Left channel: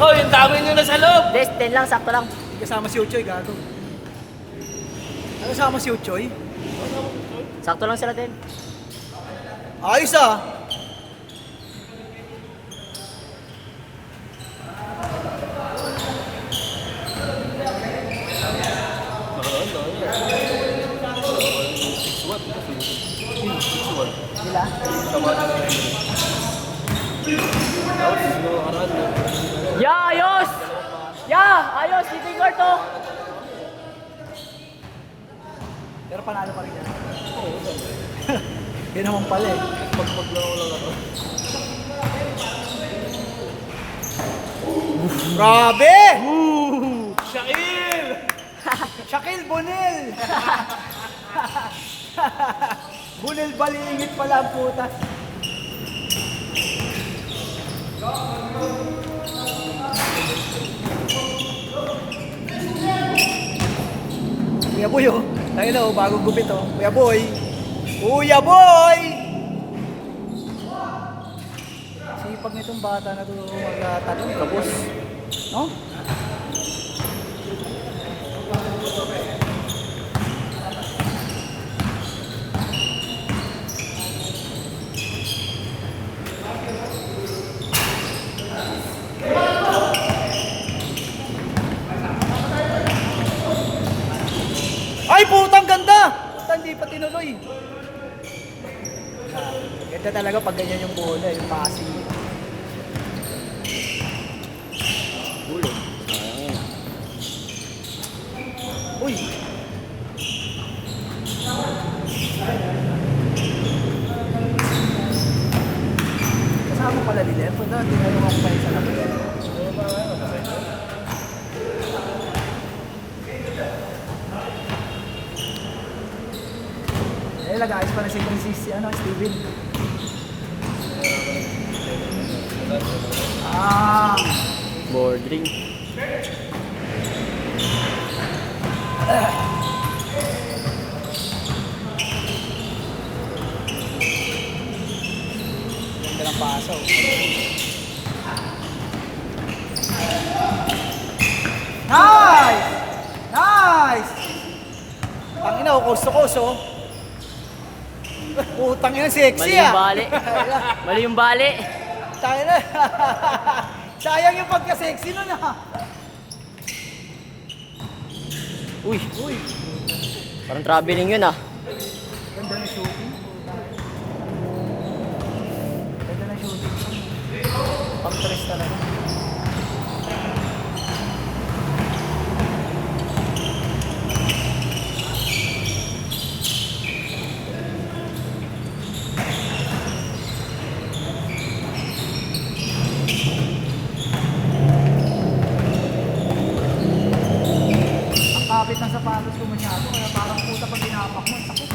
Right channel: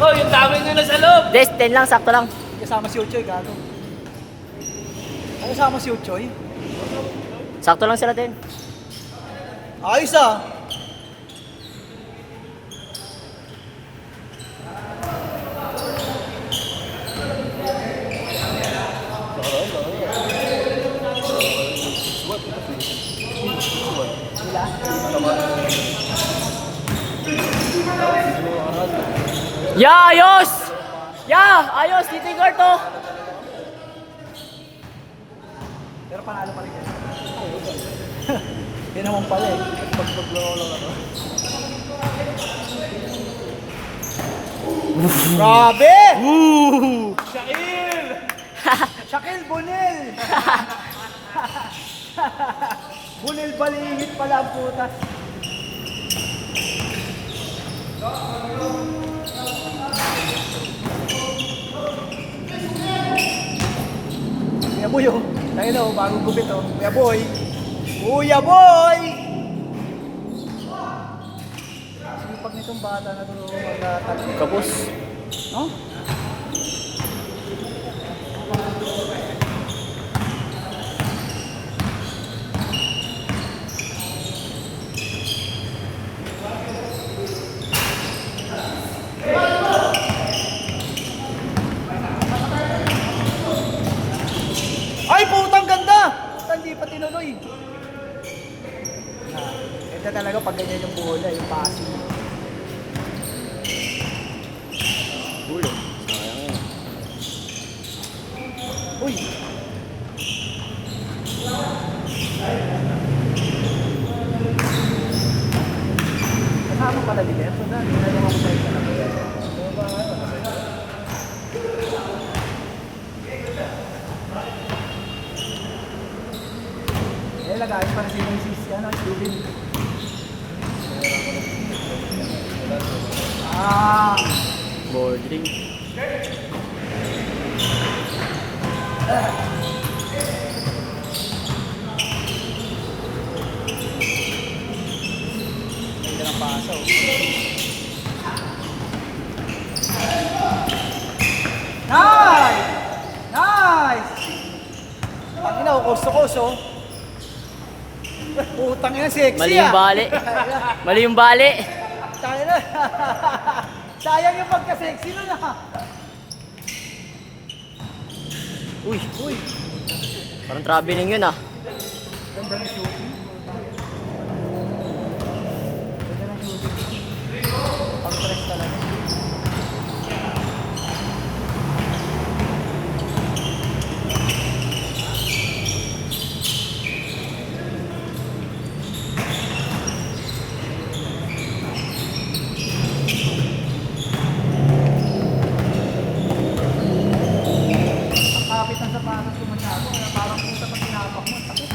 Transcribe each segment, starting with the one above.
Oh, yung dami nyo na sa loob. Des, 10 lang, sakto lang. Kasama si Uchoy, gago. Ano kasama si Uchoy? Sakto lang sila din. Ayos ah. Ya, ayos! Ya, ayos! Dito yung guard to. Pero panalo pa rin. Yan naman pala eh. Pagpaglaw lang ano. Grabe! Shaquille! Shaquille Bunil! Bunil balingit pala ang putas. Kuya Boy oh. Tayo na oh, bagong gupit oh. Kuya Boy! Kuya Boy! Sipag nitong bata na ito magtatanong. Kapos. No? Ay, putang ganda! Putang di pa tinuloy. Ganda talaga pag ganyan yung bola, yung passing. Huli. Sayang yun. Uy! Kasama pala din eh. Punta, hindi na naman tayo sa kanila. Eh, lagayos pa na si Francis, ano, Steven. Ah! Board ring. Ganda ng pasaw. Nice! Nice! Ang ina, kukurso-kurso. Putang ina, sexy Mali yung bali. Mali yung bali. Tayo na. Sayang yung pagka-sexy nun ah. Uy, Uy, parang traveling yun ah. ganda ng shooting. Ganda ng shooting. Pag-press talaga. Ang kapit ng sapatos ko masyado. Kaya parang puta pag tinapak mo. Sakit.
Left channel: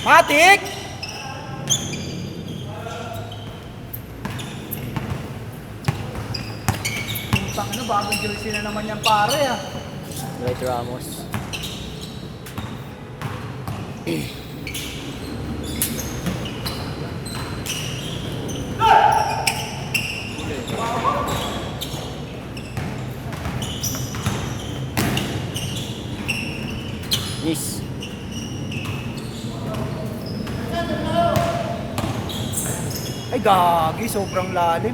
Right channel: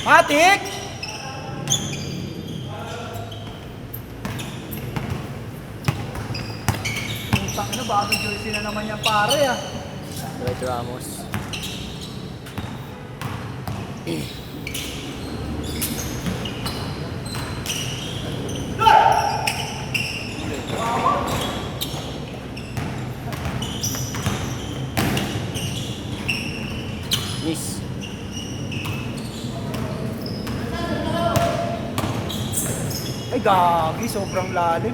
Matik! Putang ano, bagong jersey na naman yung pare ah. Dwight Ramos. Miss. Ay gagi, sobrang lalim.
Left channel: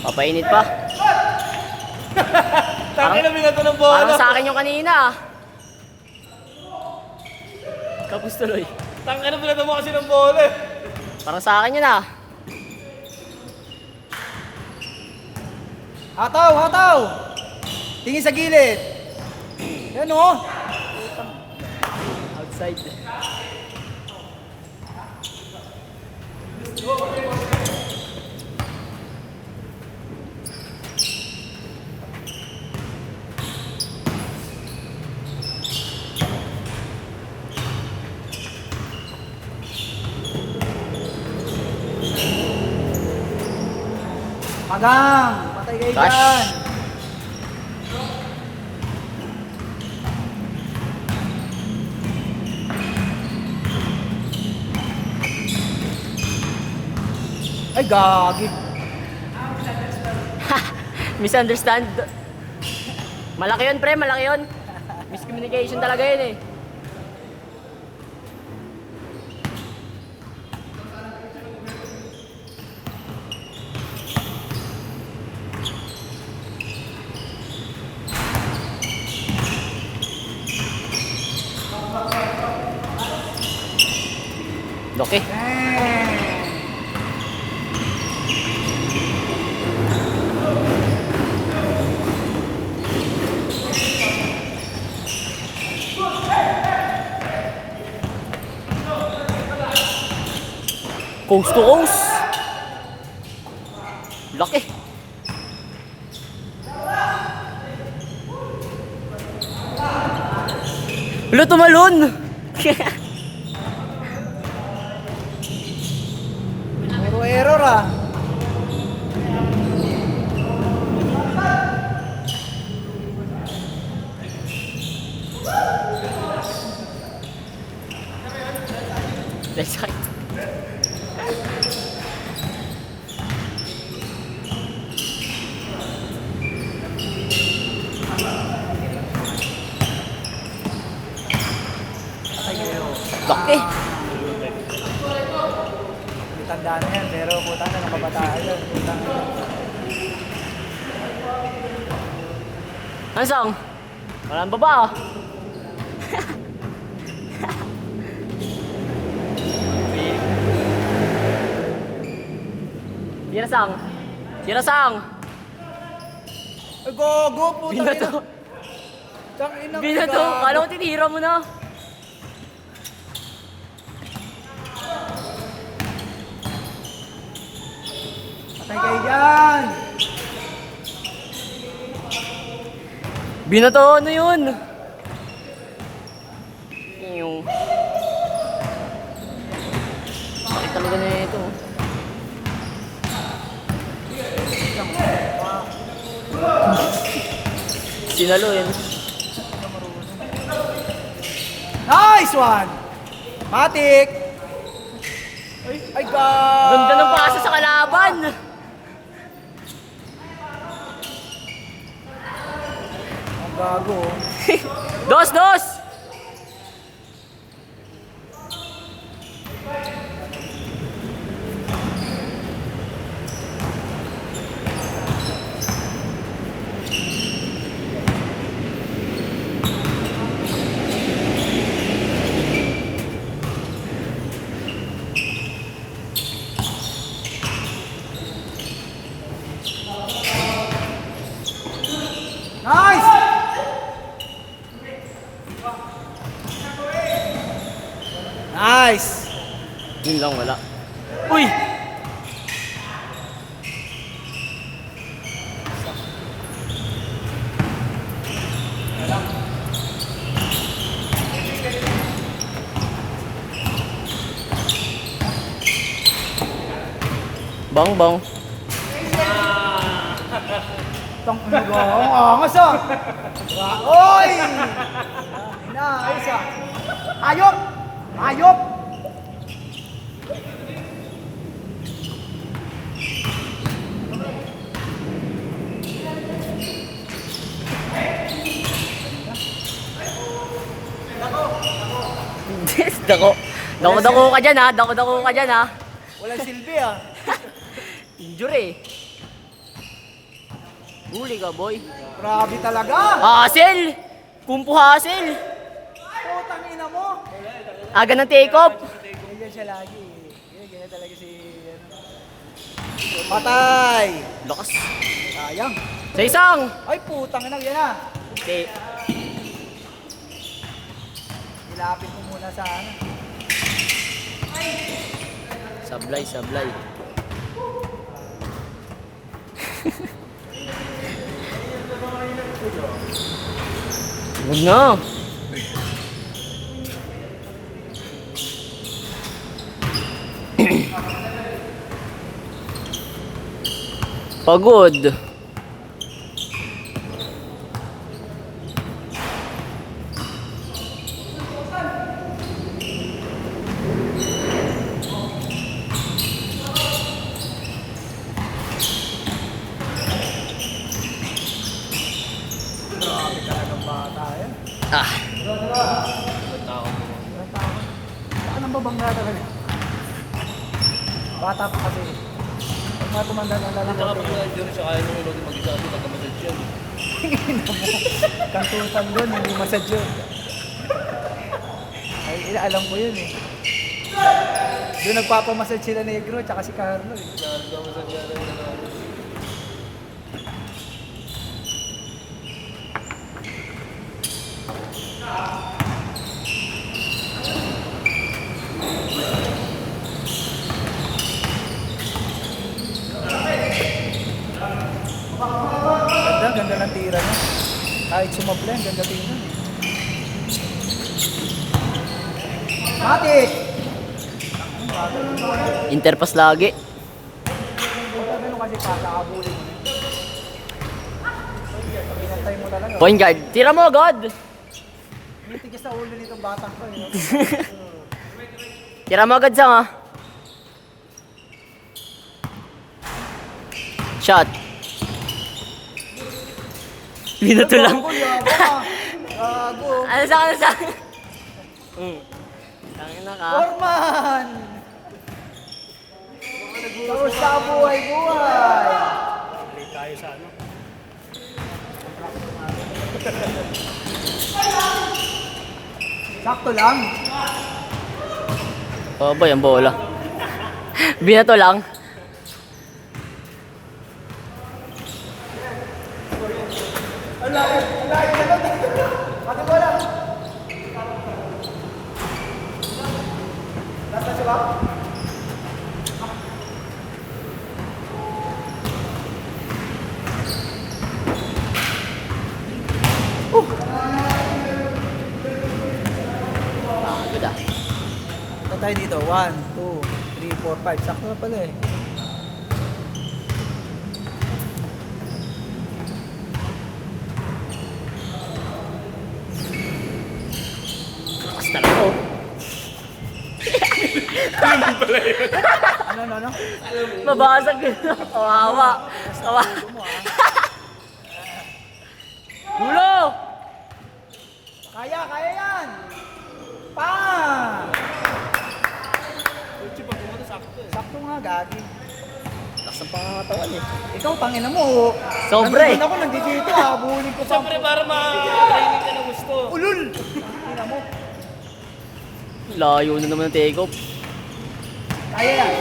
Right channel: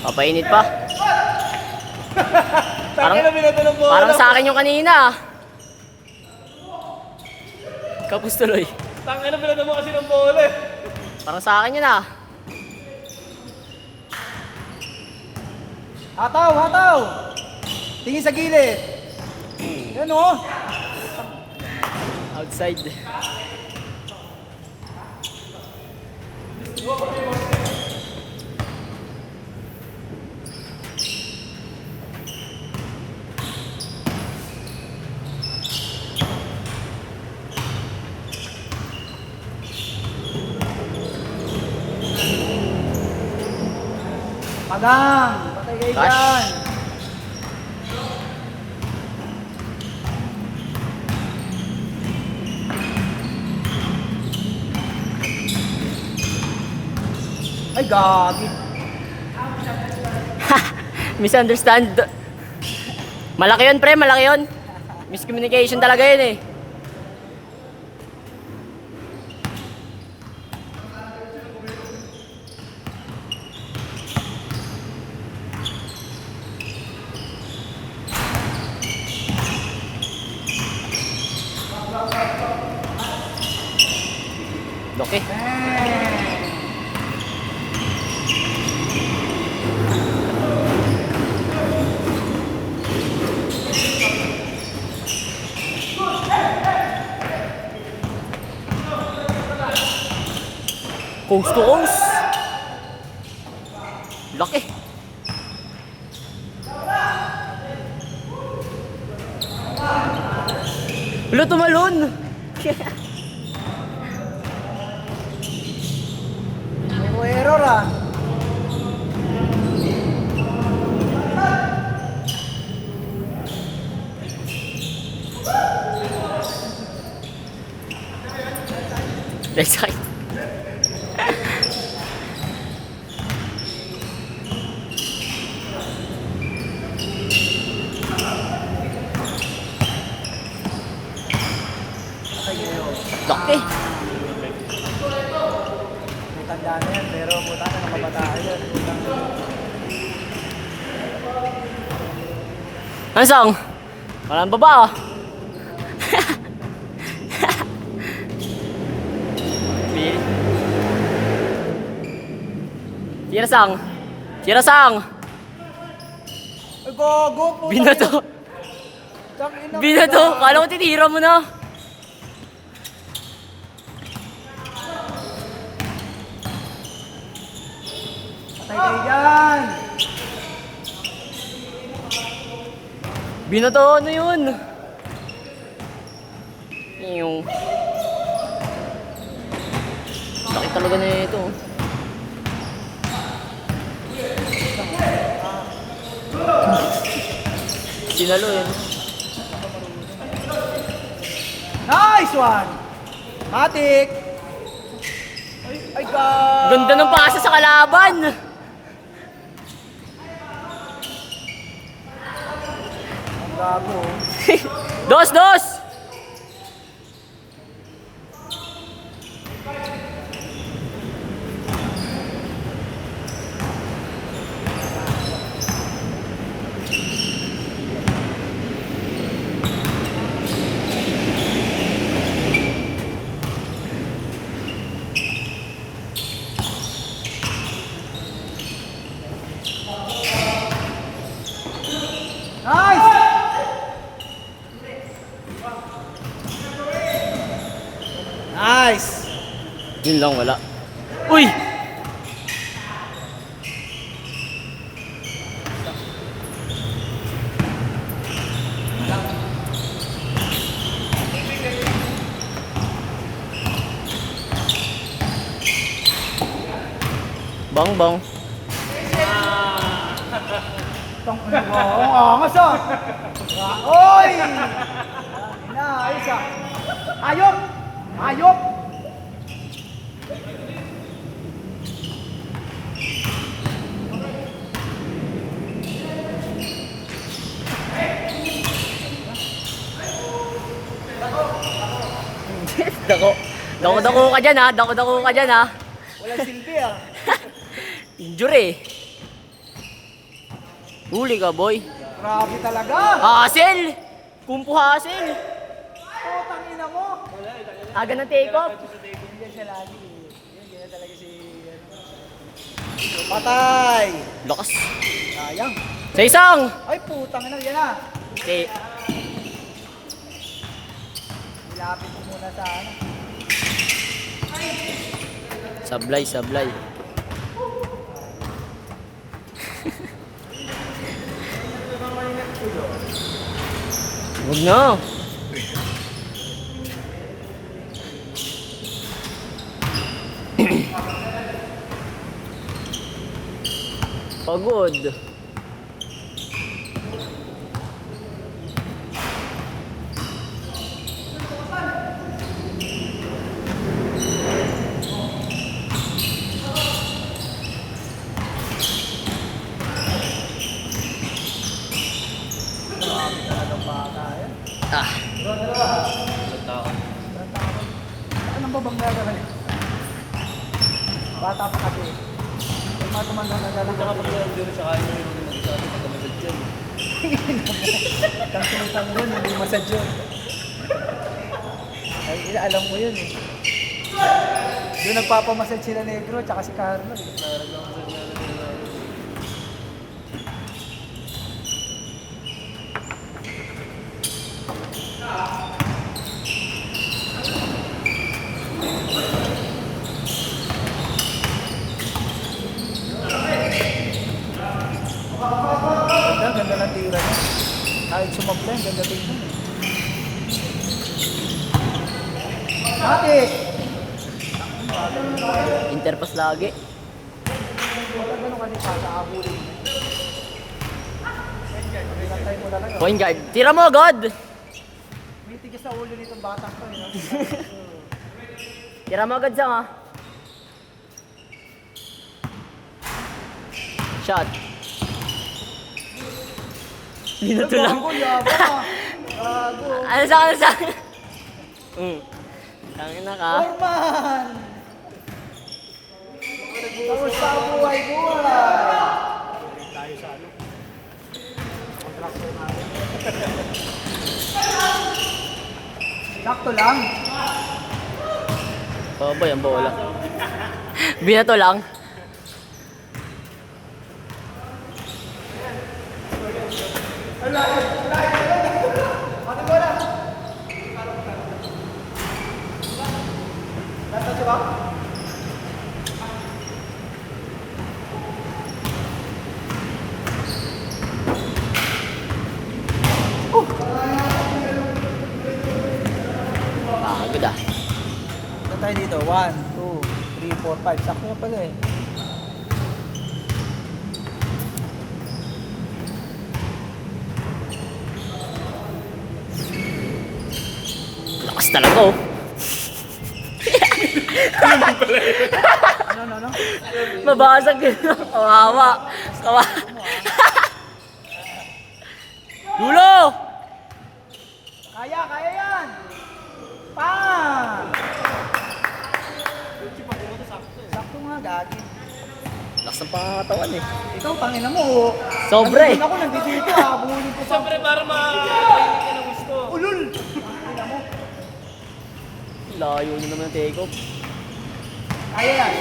Papainit pa. Tangin na binato ng bola. Parang sa akin yung kanina ah. Kapos tuloy. Tangin na binato mo kasi ng bola eh. Parang sa akin yun ah. Hataw, hataw! Tingin sa gilid. Yan o. Outside. Magang. Patay kayo Tash. dyan. Ay, gagi. Misunderstand. Malaki yun, pre. Malaki yun. Miscommunication talaga yun eh. Loki. Coast to coast. Laki. Wala tumalon. Puro error ah. Left side. Laki. May tanda na yan, pero puta na nakabataan yun. Putang na. Ano sang? Walang baba ah. Sira sang. Sira sang. Ay, gogo, puta. Binato. Tangina mo, Binato. gago. Kala ko tinira mo na. Patay kayo dyan. Binato ano yun? Yung sakit talaga na ito. Sinalo yun. Nice one! Matik! Ay, gago. Ganda ng pasa sa kalaban. Gago. Dos, dos! Nice! Nice! Yun lang, wala. Uy! Bang, bang. Tangina mo, ang angas ah! Oy! Ina, ayos ah! Ayok! Ayok! Dako. Dako-dako ka dyan ha. Dako-dako ka dyan ha. Walang silbi ah! Injury. Huli ka, boy. Grabe talaga! Hassel! Kumpo hassel! Putang ina mo! Aga ng take off. Hindi siya lagi. Hindi na talaga si... Patay! Lakas. Sayang! Sa isang! Ay putang ina, yan ah! Okay. Nilapit mo muna sa ano. Sablay, sablay. Huwag na. Pagod. Ah, Ano ba bang nagagalit? Bata pa kasi. Ano ba bang nagagalit? Hindi rin siya kaya nyo yung mag-isa kasi nagkamasad siya. Kantong doon, hindi masad yun. Ay, alam ko yun eh. Doon nagpapamasad sila Negro, tsaka si Carlo eh. Nagkamasad nga lang nila. Ganda ng tira niya. Kahit sumabla, ganda tingnan eh. Matik! interpass lagi. Ano kasi pagkakabulin? Pinatay mo talaga. Point guard. Tira mo, God! Titigis sa ulo nitong batang ko eh. Tira mo agad sa nga. Shot. Binato lang. Ano sa ano sa? Tangin na ka. Orman! Kamusta ang buhay-buhay? Tayo sa ano? Sakto lang. Oh boy, ang bola. Binato lang. Pati bola. Nasa siya ba? Good ah. Ito tayo dito. 1, 2, 3, 4, 5. Sakto na pala eh. Lakas talaga oh. Ano? Mabasag yun. Kawawa. Kawawa. Dulo! Kaya yan! Pa! Sakto nga, gagi. Lakas ng pangatawan eh. Ikaw, tangina mo. Sobre. Nandito ako, nandito. Habulin ko pa. Siyempre para makainin ka na gusto. Ulul! Tangina mo. Layo na naman ng take-off. Kaya yan.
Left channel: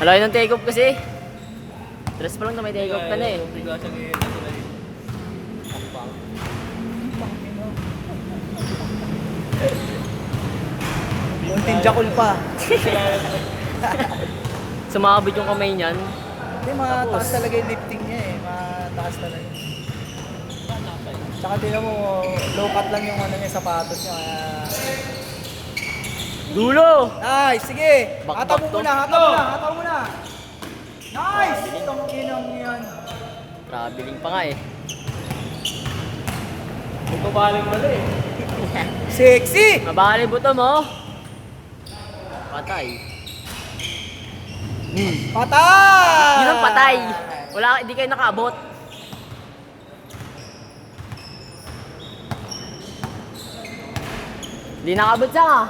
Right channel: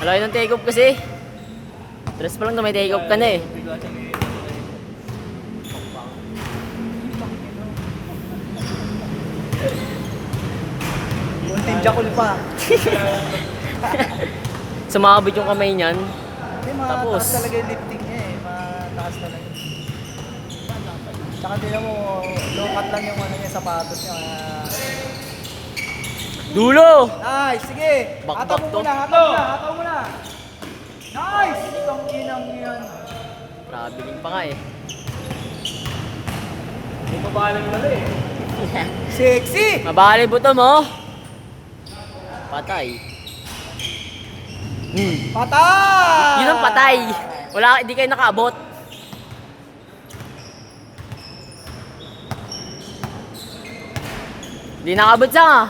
Malayo ng take-off kasi. Tres pa lang na may take-off ka na eh. Hindi ka siya ganyan. Kunting jakol pa. Sumabit yung kamay niyan. Hindi, Tapos. mataas talaga yung lifting niya eh. Mataas talaga. Tsaka tingnan mo, low cut lang yung ano niya, sapatos niya. Dulo! Nice, sige. Back Hataw mo to. muna, hataw mo na. Nice! Itong inang yan. Traveling pa nga eh. May babaling mali eh. Sexy! Mabali buto mo. Patay. Patay! Yun ang patay. Wala, hindi kayo nakaabot. Hindi nakaabot siya nga.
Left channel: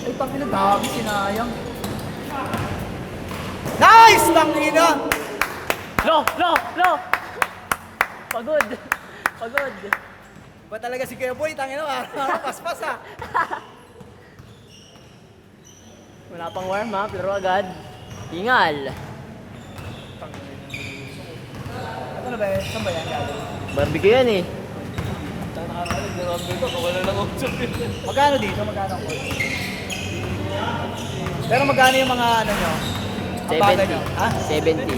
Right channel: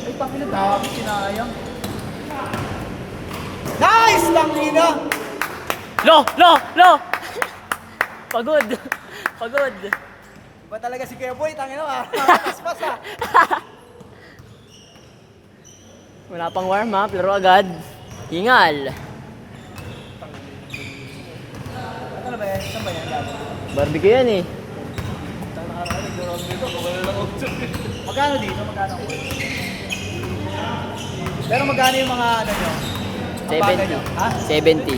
Ay, pangina, dami sinayang. Nice! Tangina! Lo! Pagod. Pagod. Ba talaga si Kuya Boy, tangina ah. Paspas ah. Wala pang warm up, laro agad. Hingal. Ano na ba yan? Saan ba yan? Barbecue yan eh. Saan nakarating na kami dito? Wala lang usap eh. Magkano dito? Magkano ang court? Pero magkano yung mga ano nyo? Ang bagal nyo? Ha? 70.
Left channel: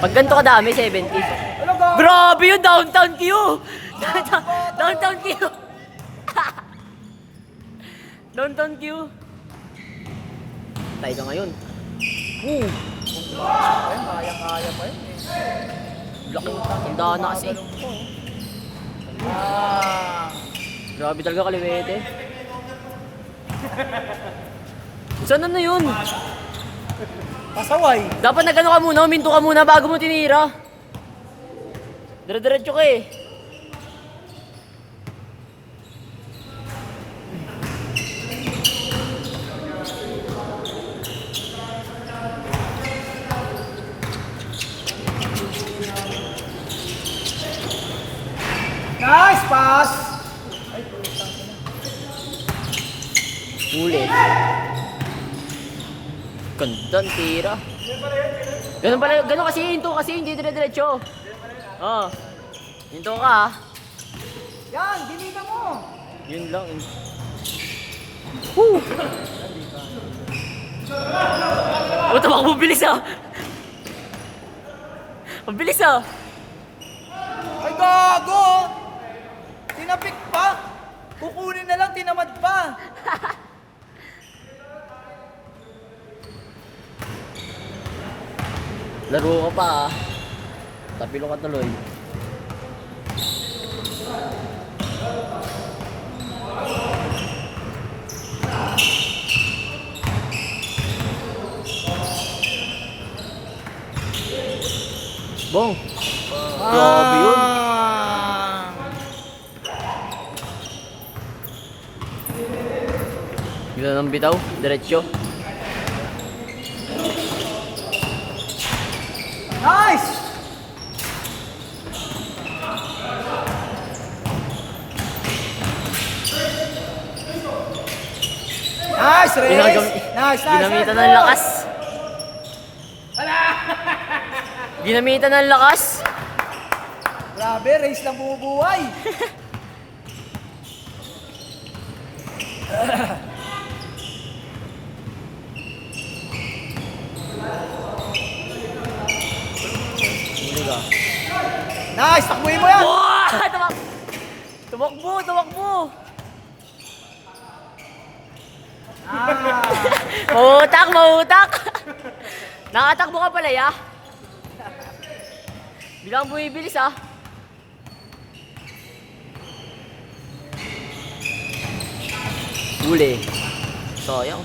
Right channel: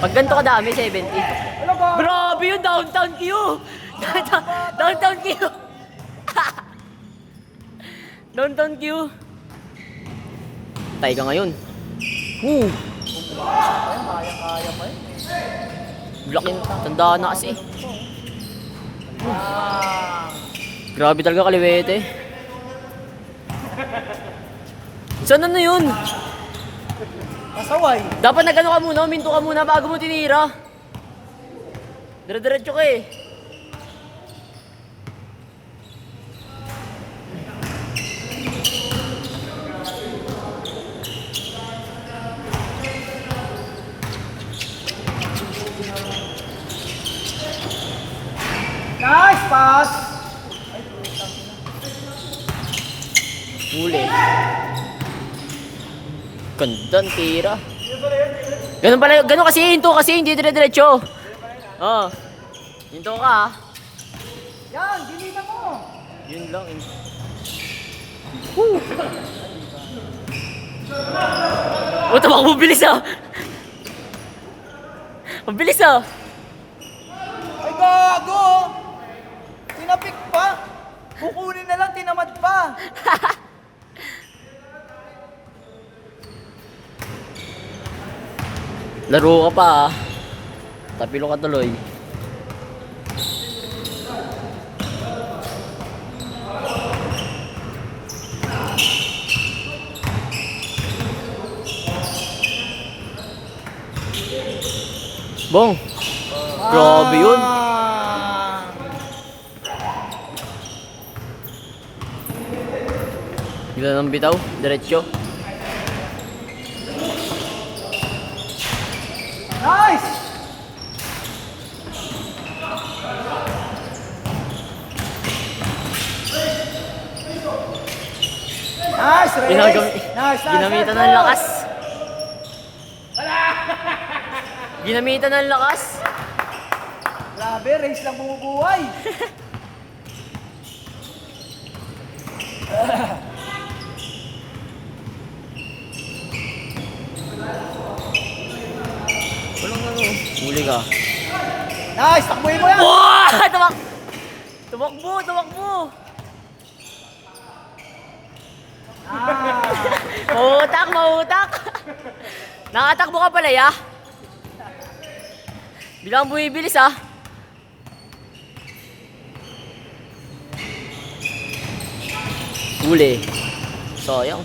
Pag ganito kadami, 70. Ano ba? Grabe yun, downtown Q! Downtown Q! Downtown Q! Tay ka ngayon. Ayun, kaya pa yun. Laking tandaan na kasi. Ah. Grabe talaga kaliwete. Saan na yun? Pasaway. Dapat nagano ka muna, uminto ka muna bago mo tinira. Dire-diretso ka eh. Nice pass. Huli. Gandang tira. Ganun pala, ganun kasi, hinto kasi, hindi dire-diretso. Oo. Hinto ka ha. Yan, dinigan mo. Yun lang eh. Woo! Oh, tumakbo, bilis ah. Ang bilis ah. Ay, gago. Tinapik pa. Kukunin na lang, tinamad pa. Laro ka pa ah. Tapilo ka tuloy. Bong. Grabe yun. Gila ng bitaw. Diretso. Nice. Nice, Reyes. Nice. Ginamitan ng lakas. Ginamitan ng lakas. Grabe, Reyes lang bumubuhay. Huli ka. Nice, takbuhin mo yan. Wow! Tumakbo. Mahutak. Nakatakbo ka pala ya. Bilang bumibilis ah. Huli. Sayang.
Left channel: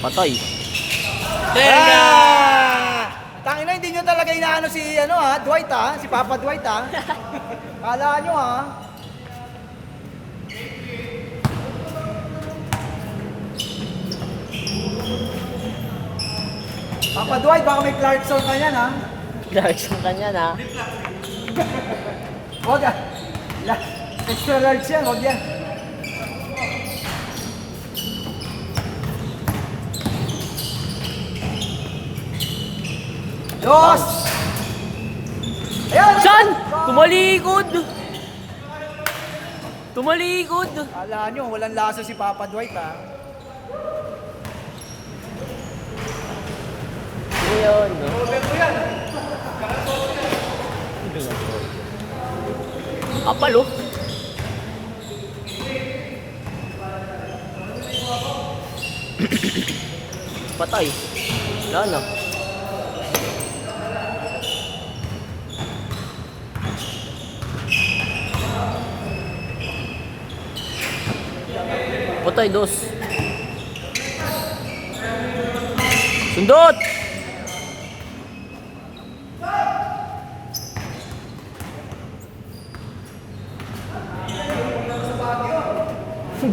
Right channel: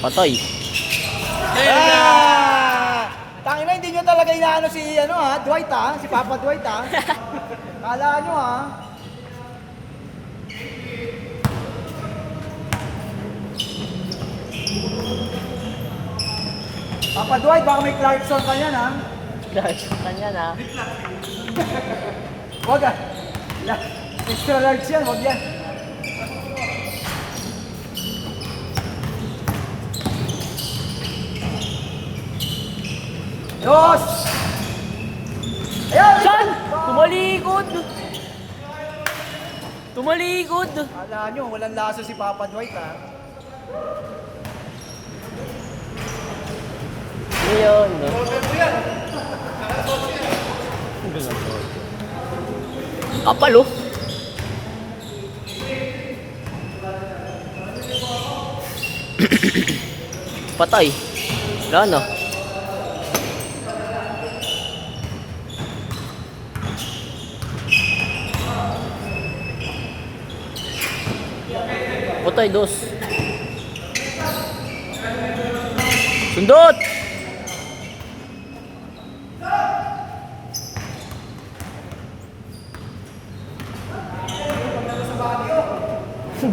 Patay. Tangina, hindi nyo talaga inaano si Dwight si Papa Dwight Kala nyo Papa Dwight, baka may Clarkson ka yan Direction ka niyan ah. Huwag extra large yan, huwag yan. Dos! Ayan! Saan? Tumalikod. Kala nyo, walang laso si Papa Dwight Ayun. Kapal oh. Patay. Wala na. Patay, dos. Sundot!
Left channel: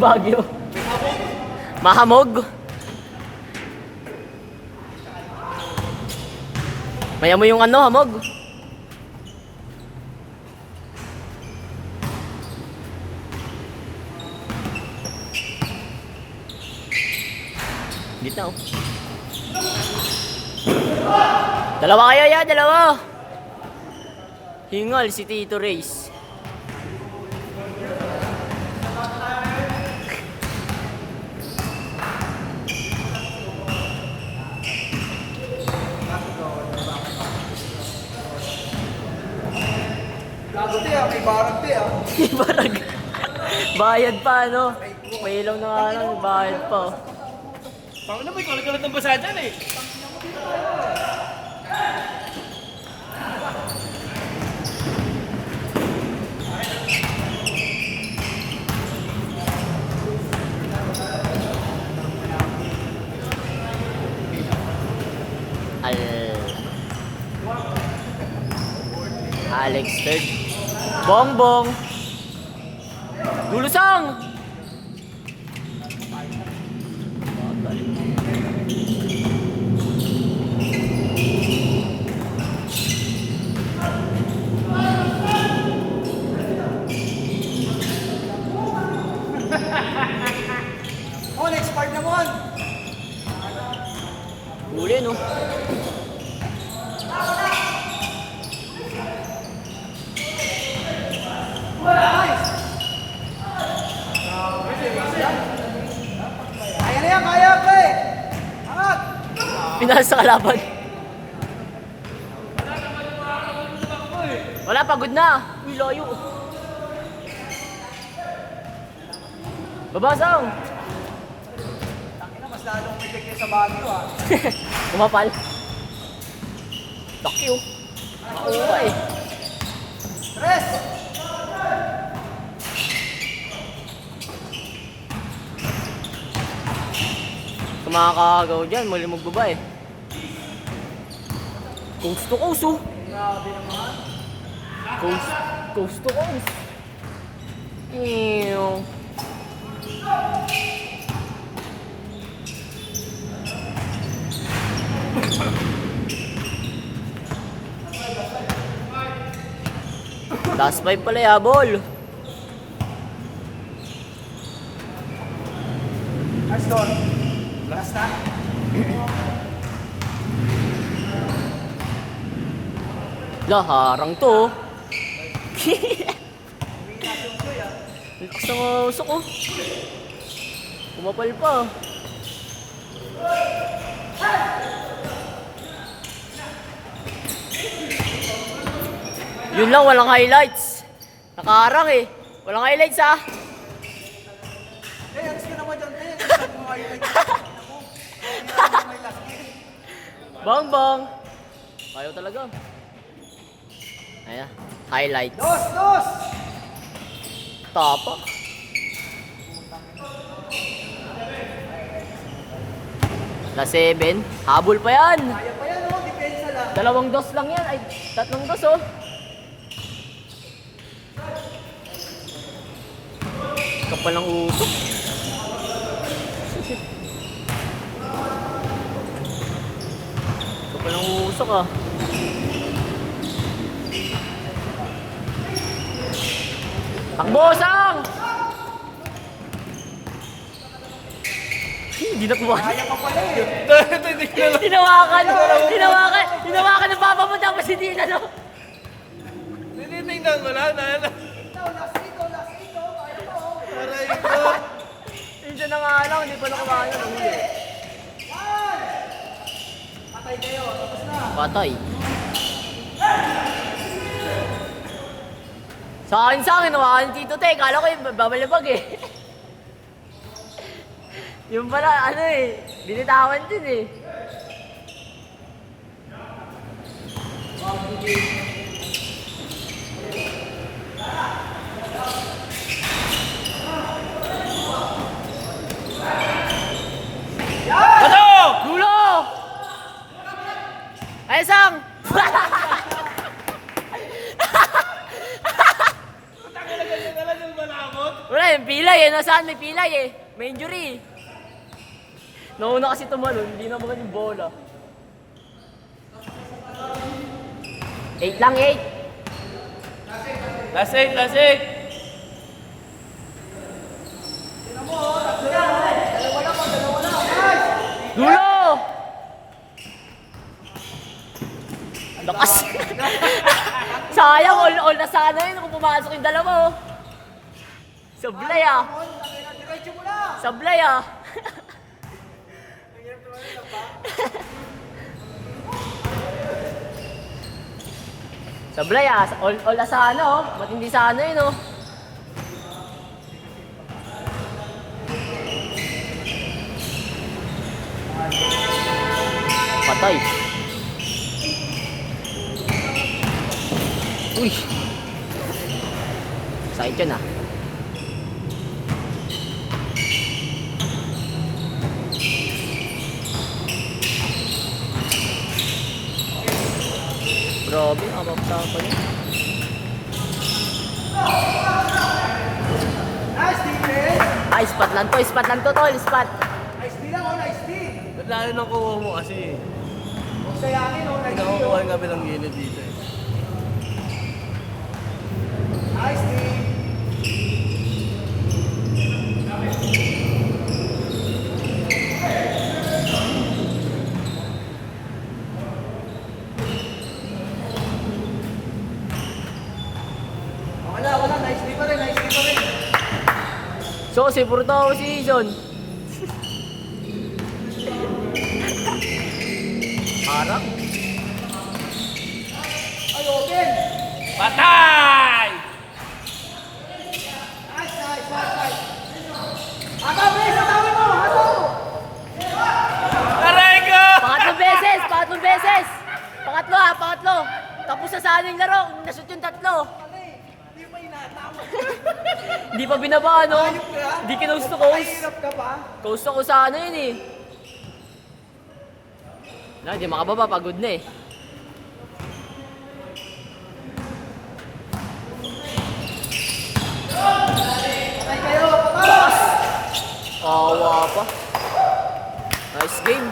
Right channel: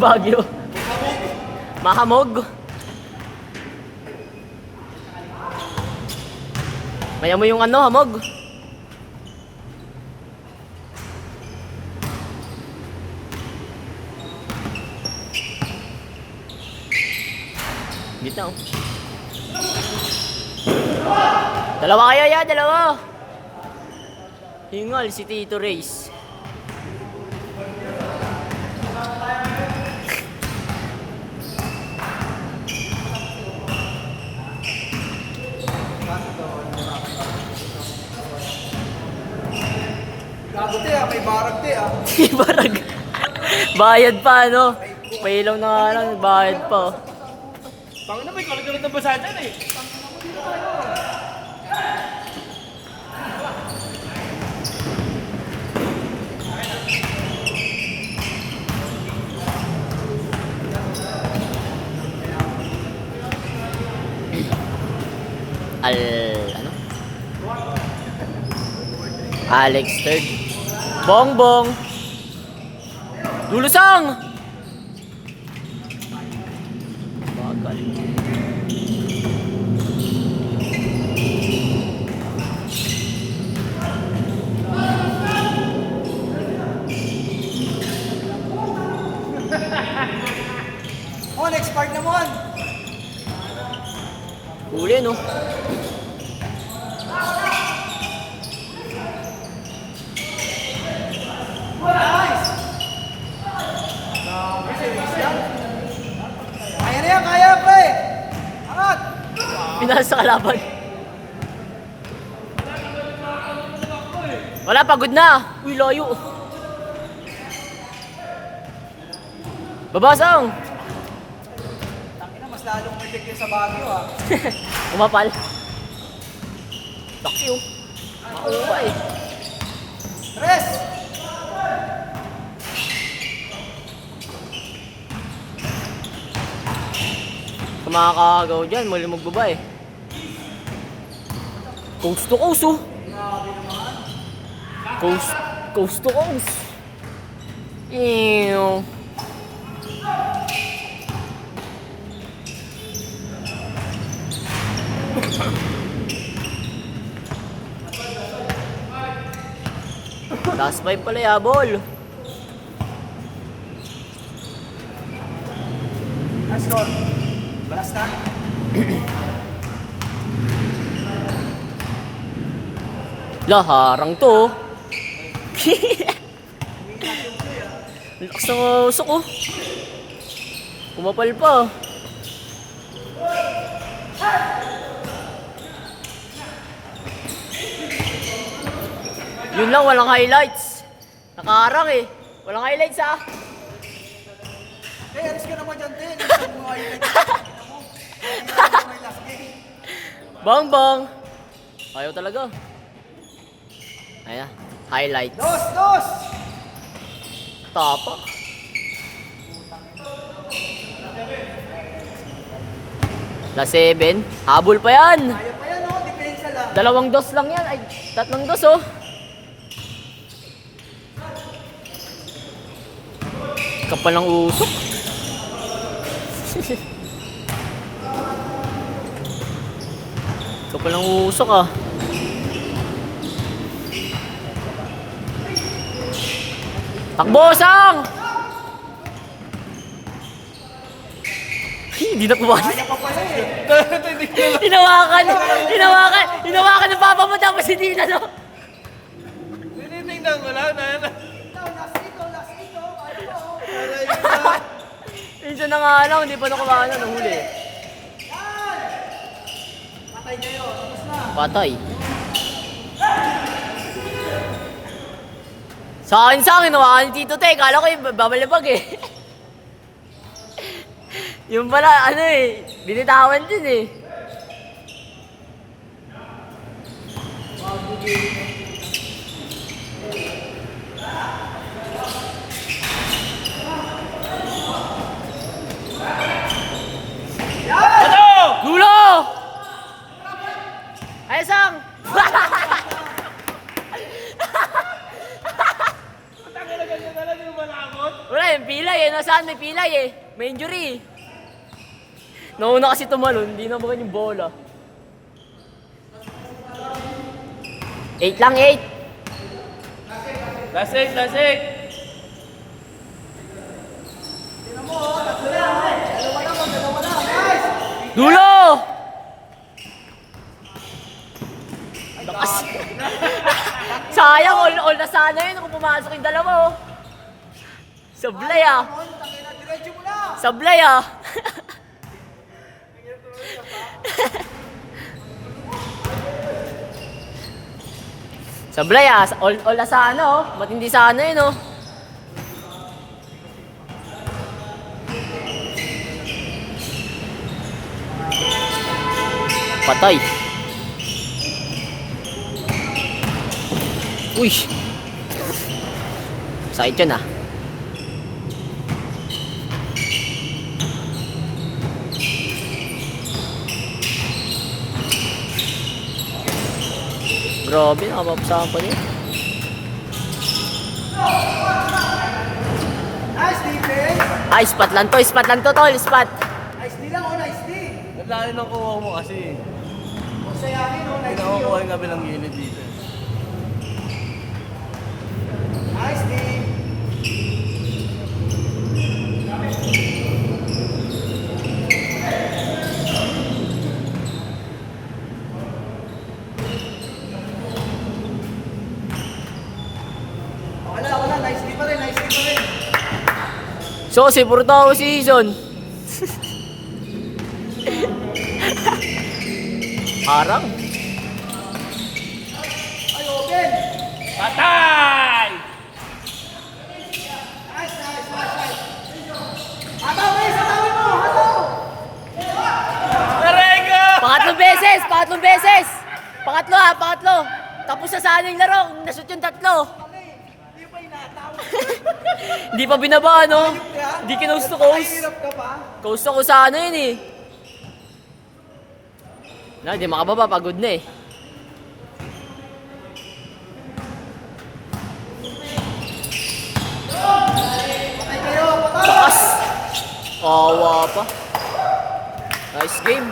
Bagyo. Mahamog. Maya mo yung hamog. Gitna oh. Dalawa kayo ya, dalawa. Hingal si Tito Reyes. Sigurado te ah, may barang te ah. Barag. Bayad pa, ano? May ilaw na nga lang, bayad pa. Pangin na may kalat-kalat ng basa dyan eh. Alex third. Bongbong. Lulusang. Mon, expired na Mon. Huli, no? Kaya na yan, kaya pre. Angat. Pinasa sa kalaban. Wala, pagod na. Uy, layo. Babasang. Mas lalong may tigil sa Baguio ah. Umapal. Laki, oh. Mauwa, eh. Tres. Kung makakagaw dyan, muli magbaba, eh. Coast to coast, oh. Coast to coast. Ew. Last 5 pala, yabol. Let's go. Last na. Laharang to. Lakas na usok, oh. Kumapal pa. Yun lang, walang highlights. Nakaharang eh. Walang highlights ah. Eh, alis ka naman dyan, te. Alis mo nga yun. Bang bang. Ayaw talaga. Ayan. Highlights. Dos, dos. Tapak. La 7. Habol pa yan. Ayaw pa yan, oh. Depensa lang. 2 dos lang yan. Ay, 3 dos oh. Kapal ng usok. Kapal ng usok ah. Takbosang! Hindi na kumakas. Kaya pa pala eh. Hinawakan ng papa mo tapos hindi na, no? Tinitingnan mo lang na yan. Minsan na nga lang, hindi pa na kumakas na huli. Patay kayo. Tapos na. Patay. Sa akin, nawakan ni Tito Te. Kala ko babalabag eh. Yung pala, ano eh, binitawan din eh. Ano? Lulo! Ay, Sang! Wala, yung pilay eh. Nasaan may pilay eh. May injury. Nauna kasi tumalon, hindi na makan yung bola. 8 lang, 8. Last 8, last 8. Dulo! Lakas. Sayang, all na sana yun kung pumasok yung dalawa oh. Sablay ah. Sablay ah. Sablay ah, all na sa ano oh. Ba't hindi sa ano yun oh. Patay. Uy. Sakit yun ah. Grabe, nakapapsakan pa niya. Nice defense. Ay, spot lang to, tol, spot. Nice D lang, oh, nice D. Naglayo ng kuha mo kasi. Huwag sayangin, oh, nice D. Pinakukuha yung kabilang gilid dito eh. Nice D. Wala, nice D pa rin, nice D pa rin. So, si puro tao season. Harap. Ay, open. Patay! Nice. Hataw, guys, hatawan mo, hataw. Aray ko! Pangatlong beses. Pangatlo. Tapos na saan yung laro, nashoot yung tatlo. Mali, hindi pa inataw. Hindi pa binaba, no? Ayok ka. Hindi ka coast to coast. Nagpahirap ka pa. Coast ako sa ano yun eh. Na, hindi makababa, pagod na eh. Patay kayo, patay. Taas! Awa pa. Nice game.